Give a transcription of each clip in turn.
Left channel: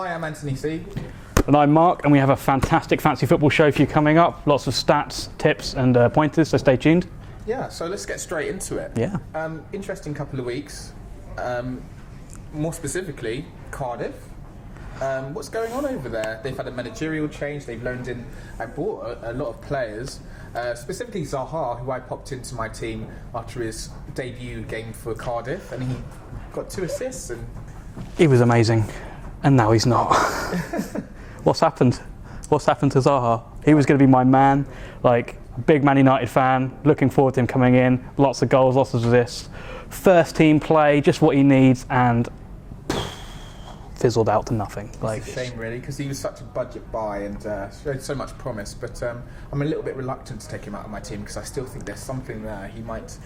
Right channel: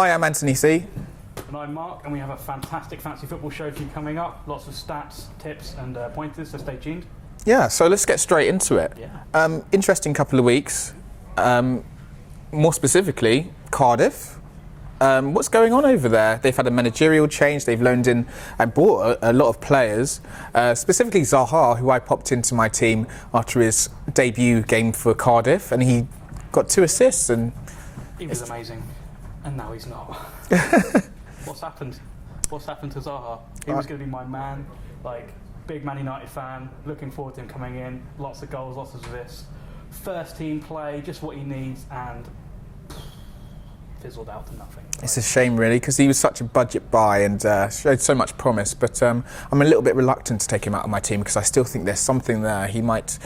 Hi, I'm Anthony C. And I'm Mark, and we have a fantastic fantasy football show for you coming up. Lots of stats, tips, and pointers, so stay tuned. Yeah, so let's get straight into it. Yeah. Interesting couple of weeks. More specifically, Cardiff. What's going on over there? They've had a managerial change. They've loaned in and bought a lot of players, specifically Zaha, who I popped into my team after his debut game for Cardiff, and he got 2 assists. And he was amazing, and now he's not. What's happened? What's happened to Zaha? He was going to be my man, like big Man United fan, looking forward to him coming in. Lots of goals, lots of assists. First team play, just what he needs, and fizzled out to nothing. It's a shame, really, because he was such a budget buy and showed so much promise. But I'm a little bit reluctant to take him out of my team because I still think there's something there. He might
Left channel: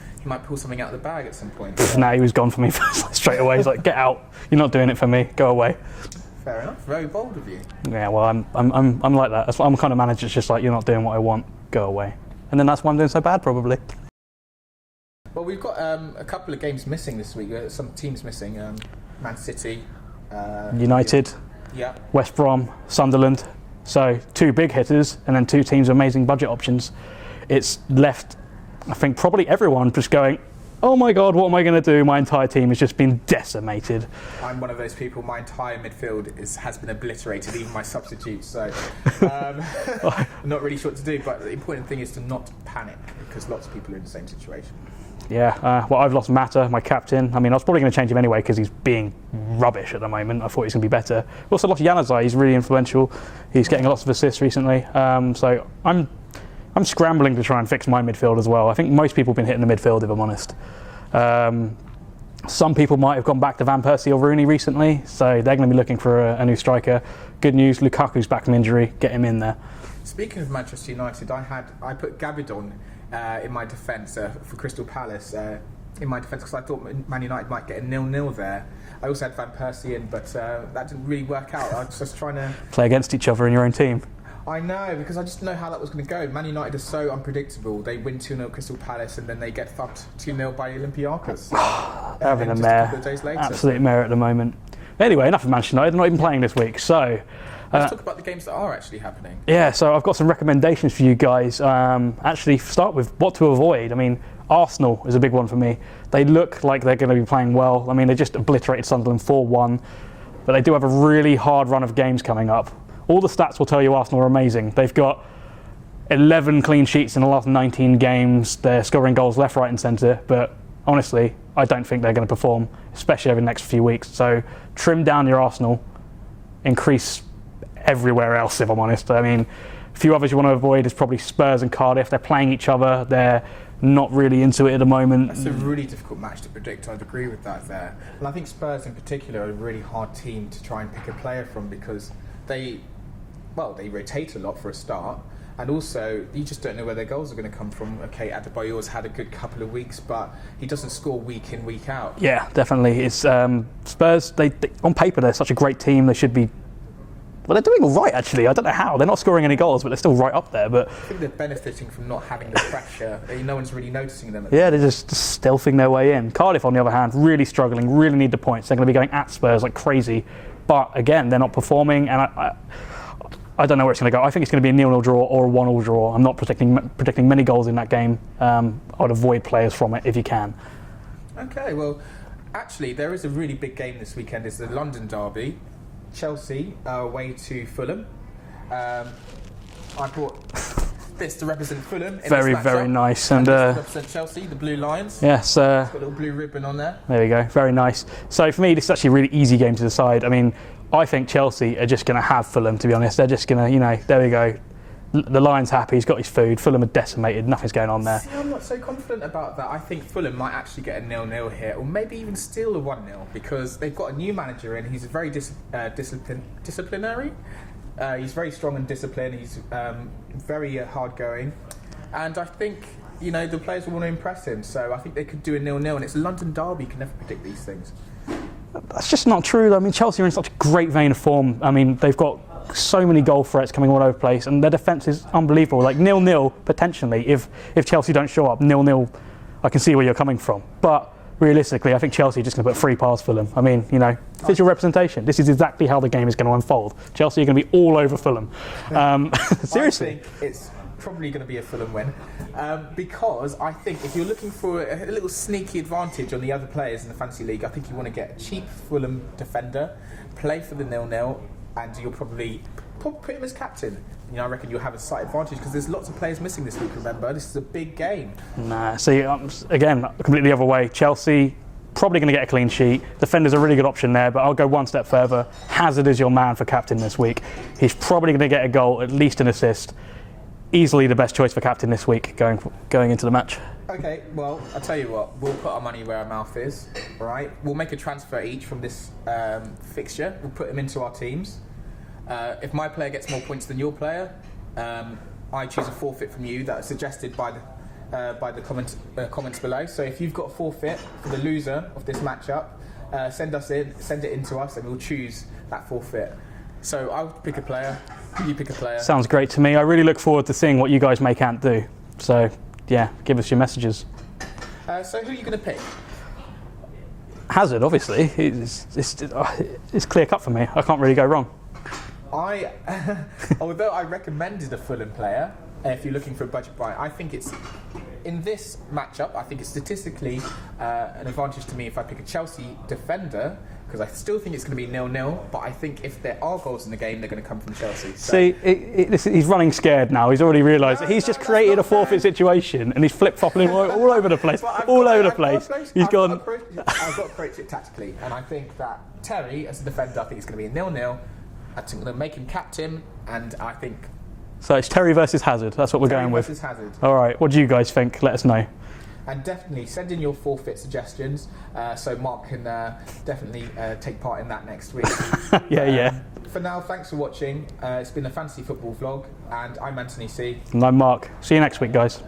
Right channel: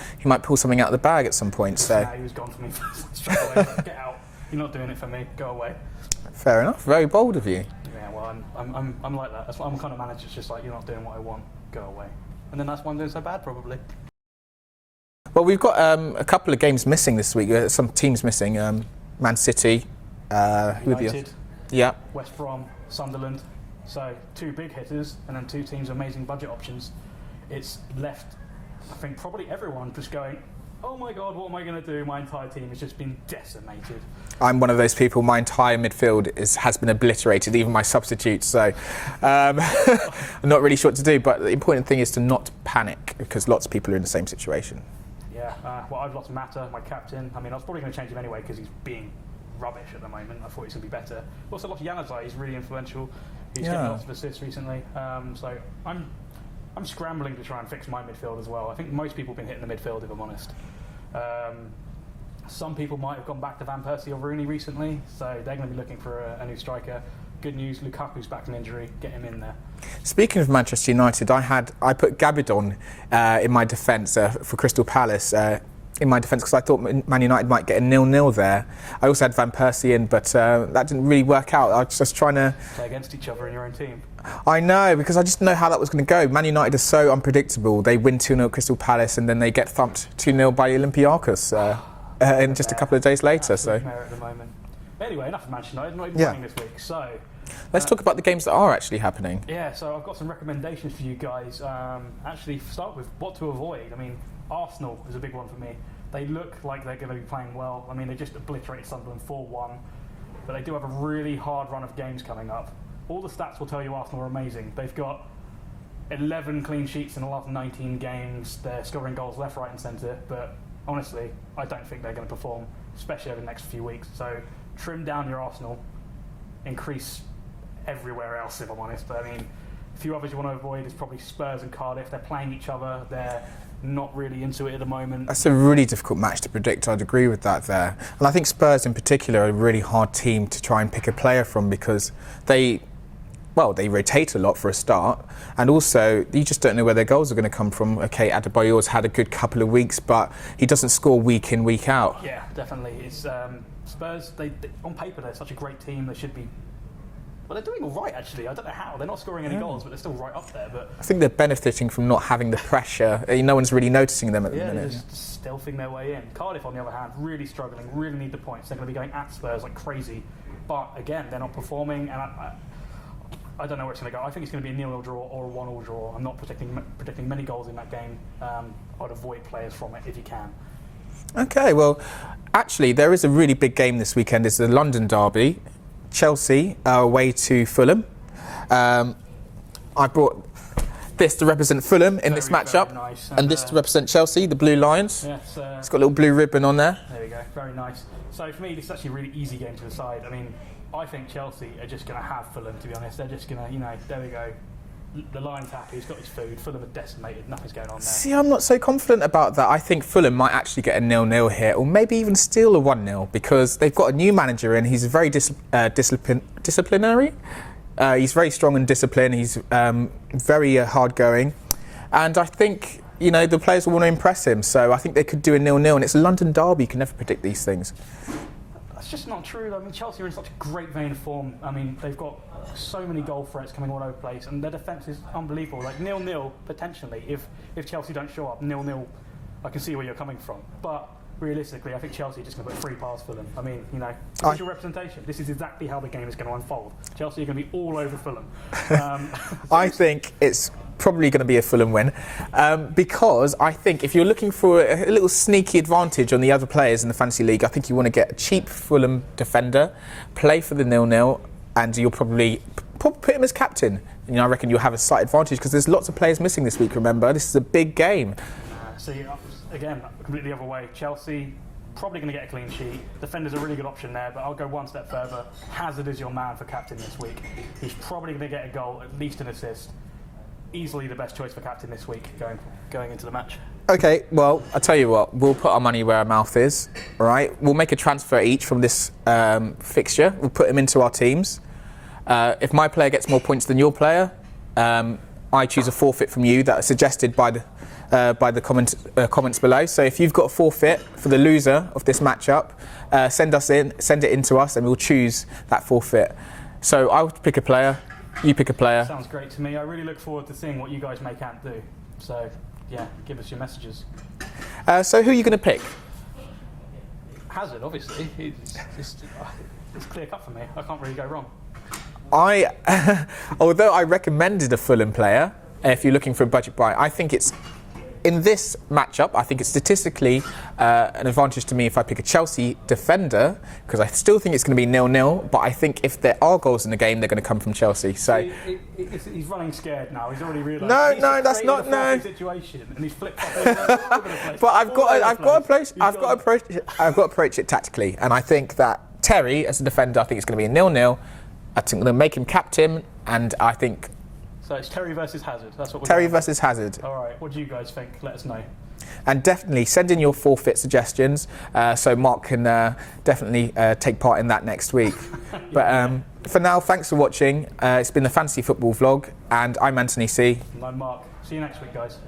pull something out of the bag at some point. So. Nah, he was gone for me straight away. He's like, get out. You're not doing it for me. Go away. Fair enough. Very bold of you. Yeah, well, I'm like that. I'm the kind of manager that's just like, you're not doing what I want. Go away. And then that's why I'm doing so bad, probably. Well, we've got a couple of games missing this week. Some teams missing. Man City. United, yeah, West Brom, Sunderland. So 2 big hitters and then 2 teams with amazing budget options. It's left, I think, probably everyone just going, oh my God, what am I going to do? My entire team has just been decimated. I'm one of those people. My entire midfield has been obliterated, even my substitutes. So I'm not really sure what to do. But the important thing is to not panic because lots of people are in the same situation. Yeah, well, I've lost Mata, my captain. I mean, I was probably going to change him anyway because he's being rubbish at the moment. I thought he was going to be better. I've also lost Januzaj. He's really influential. He's getting lots of assists recently. So I'm scrambling to try and fix my midfield as well. I think most people have been hitting the midfield, if I'm honest. Some people might have gone back to Van Persie or Rooney recently, so they're going to be looking for a new striker. Good news, Lukaku's back from injury. Get him in there. Speaking of Manchester United, I put Gabidon in my defence for Crystal Palace in my defence because I thought Man United might get a 0-0 there. I also had Van Persie in, but that didn't really work out. I was just trying to play against each other in your own team. I know, because I just know how that was going to go. Man United is so unpredictable. They win 2-0 at Crystal Palace and then they get thumped 2-0 by Olympiacos in just a couple of days later. Absolute mare at the moment. Anyway, enough of Manchester United. They're not even playing this week, so let's talk about the games that are actually happening. Yeah, so I've got some recommendations for you guys. Actually, start with what to avoid. I mean, Arsenal is a big one for me. They look like they're going to be playing well. I mean, they just obliterated Sunderland 4-1, but they do have a really hard run of games coming up. All the stats will tell you Arsenal are amazing. They've got 11 clean sheets in the last 19 games. They're scoring goals left, right and centre, but honestly, I don't think they're going to perform, especially over the next few weeks. So trim down your Arsenal, increase everywhere else, if I'm honest. I mean, a few others you want to avoid is probably Spurs and Cardiff. They're playing each other. They're not really into it at the moment. That's a really difficult match to predict. I'd agree with that there. And I think Spurs in particular are a really hard team to try and pick a player from because they rotate a lot for a start, and also you just don't know where their goals are going to come from. Okay, Adebayor's had a good couple of weeks, but he doesn't score week in, week out. Yeah, definitely. It's Spurs. They on paper they're such a great team. They should be. Well, they're doing all right actually. I don't know how. They're not scoring any goals, but they're still right up there. But I think they're benefiting from not having the pressure. No one's really noticing them. They're just stealthing their way in. Cardiff, on the other hand, really struggling. Really need the points. They're going to be going at Spurs like crazy, but again, they're not performing, and I don't know where it's going to go. I think it's going to be a 0-0 draw or a 1-1 draw. I'm not predicting many goals in that game. I would avoid players from it if you can. Okay, well, actually, there is a really big game this weekend. It's the London derby. Chelsea away to Fulham. I brought this to represent Fulham in this matchup. Very nice. And this to represent Chelsea, the Blue Lions. Yes. It's got a little blue ribbon on there. There we go. Very nice. So for me, this is actually a really easy game to decide. I mean, I think Chelsea are just going to have Fulham, to be honest. They're just going to, there we go. The Lion's happy, he's got his food. Fulham are decimated, nothing's going on there. See, I'm not so confident about that. I think Fulham might actually get a 0-0 here, or maybe even steal a 1-0, because they've got a new manager and he's very disciplinary. He's very strong in discipline, he's very hard-going. And I think, the players will want to impress him, so I think they could do a 0-0, and it's a London derby, you can never predict these things. That's just not true, though. I mean, Chelsea are in such a great vein of form. I mean, they've got so many goal threats coming all over the place, and their defence is unbelievable. Like 0-0 potentially, if Chelsea don't show up, 0-0, I can see where you're coming from. But realistically, I think Chelsea are just going to put 3 past Fulham. I mean, you know, visual representation. This is exactly how the game is going to unfold. Chelsea are going to be all over Fulham. I think it's probably going to be a Fulham win, because I think if you're looking for a little sneaky advantage on the other players in the Fantasy League, I think you want to get a cheap Fulham defender, play for the 0-0, and you'll probably put him as captain. You know, I reckon you'll have a slight advantage because there's lots of players missing this week, remember? This is a big game. Nah, see, again, completely the other way. Chelsea probably going to get a clean sheet. Defender's a really good option there, but I'll go one step further. Hazard is your man for captain this week. He's probably going to get a goal, at least an assist. Easily the best choice for captain this week going into the match. Okay, well, I'll tell you what, we'll put our money where our mouth is, all right? We'll make a transfer each from this fixture. We'll put him into our teams. If my player gets more points than your player, I choose a forfeit from you that is suggested by the comments below. So if you've got a forfeit for the loser of this matchup, send it in to us, and we'll choose that forfeit. So I'll pick a player, you pick a player. Sounds great to me. I really look forward to seeing what you guys may can't do. So yeah, give us your messages. So who are you going to pick? Hazard, obviously. It's clear cut for me. I can't really go wrong. Although I recommended a Fulham player, if you're looking for a budget buy, I think it's, in this matchup, I think it's statistically an advantage to me if I pick a Chelsea defender, because I still think it's going to be 0-0, but I think if there are goals in the game, they're going to come from Chelsea. So. See, he's running scared now. He's already realised he's just created a forfeit situation, and he's flip-flopping all over the place. But I've got to approach it tactically, and I think that Terry, as a defender, I think it's going to be a 0-0. I think they'll make him captain, and I think... So it's Terry versus Hazard. That's what we're going with. Terry versus Hazard. All right. What do you guys think? Let us know. And definitely send in your forfeit suggestions, so Mark can definitely take part in that next week. For now, thanks for watching. It's been the Fantasy Football Vlog, and I'm Anthony C. And I'm Mark. See you next week, guys.